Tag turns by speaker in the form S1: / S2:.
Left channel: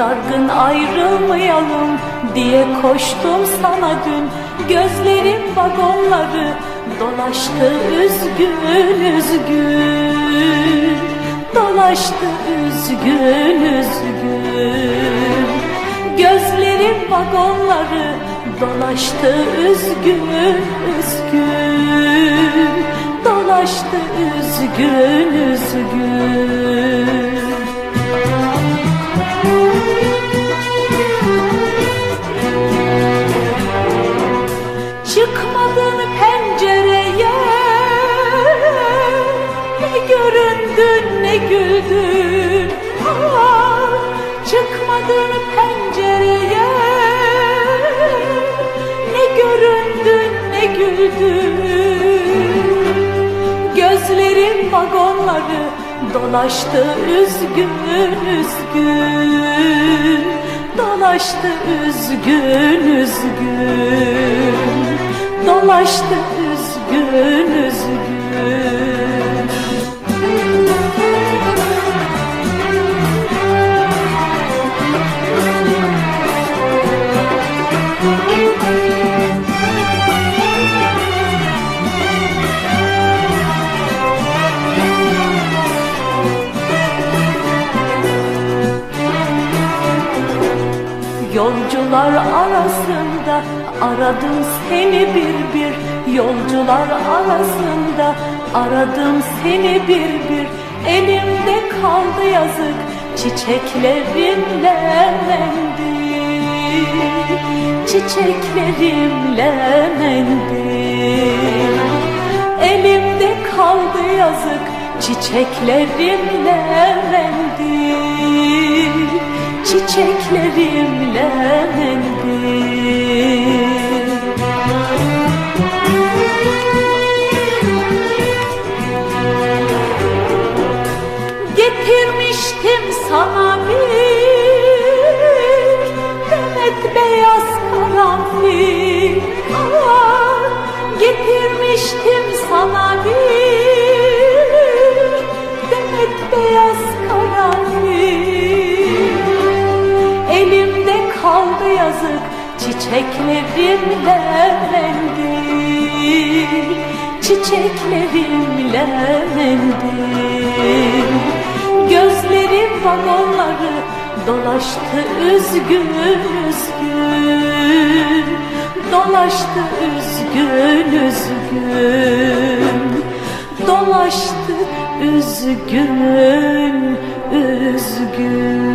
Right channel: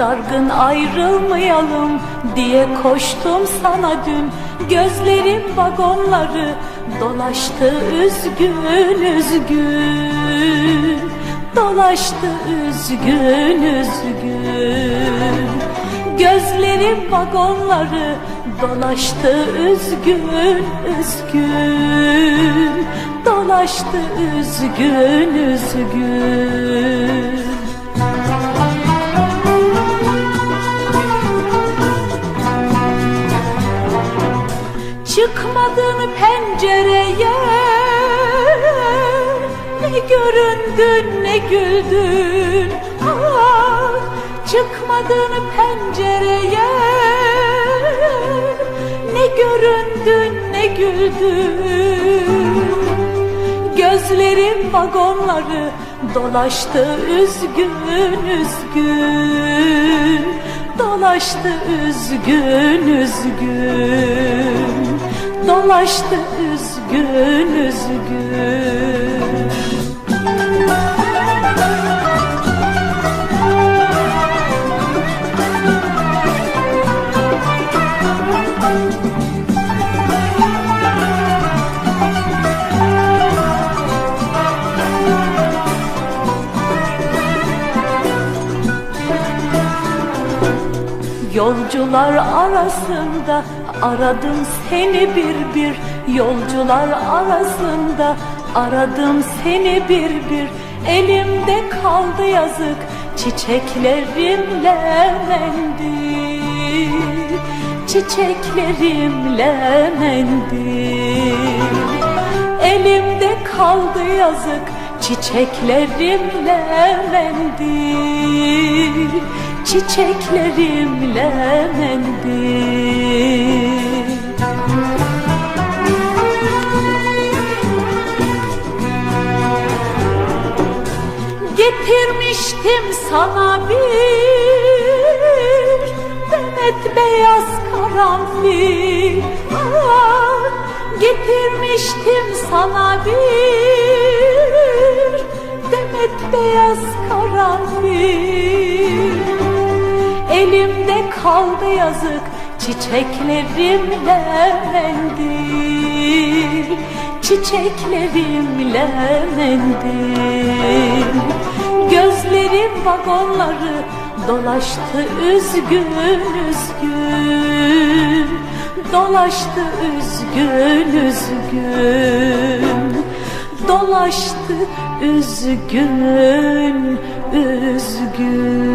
S1: Dargın ayrılmayalım diye koştum sana dün. Gözlerim vagonları dolaştı üzgün üzgün. Dolaştı üzgün üzgün. Gözlerim vagonları dolaştı üzgün üzgün. Dolaştı üzgün üzgün Çıkmadın pencereye. Ne göründün ne güldün. Gözlerim vagonları dolaştı üzgün üzgün. Dolaştı üzgün üzgün. Dolaştı üzgün üzgün Yolcular arasında aradım seni bir bir. Yolcular arasında aradım seni bir bir. Elimde kaldı yazık çiçeklerimle mendil Çiçeklerimle mendil Elimde kaldı yazık çiçeklerimle mendil Çiçeklerimle mendil Getirmiştim sana bir demet beyaz karanfil kaldı yazık çiçeklerimle mendil Çiçeklerimle mendil Gözlerim vagonları dolaştı üzgün üzgün. Dolaştı üzgün üzgün. Dolaştı üzgün üzgün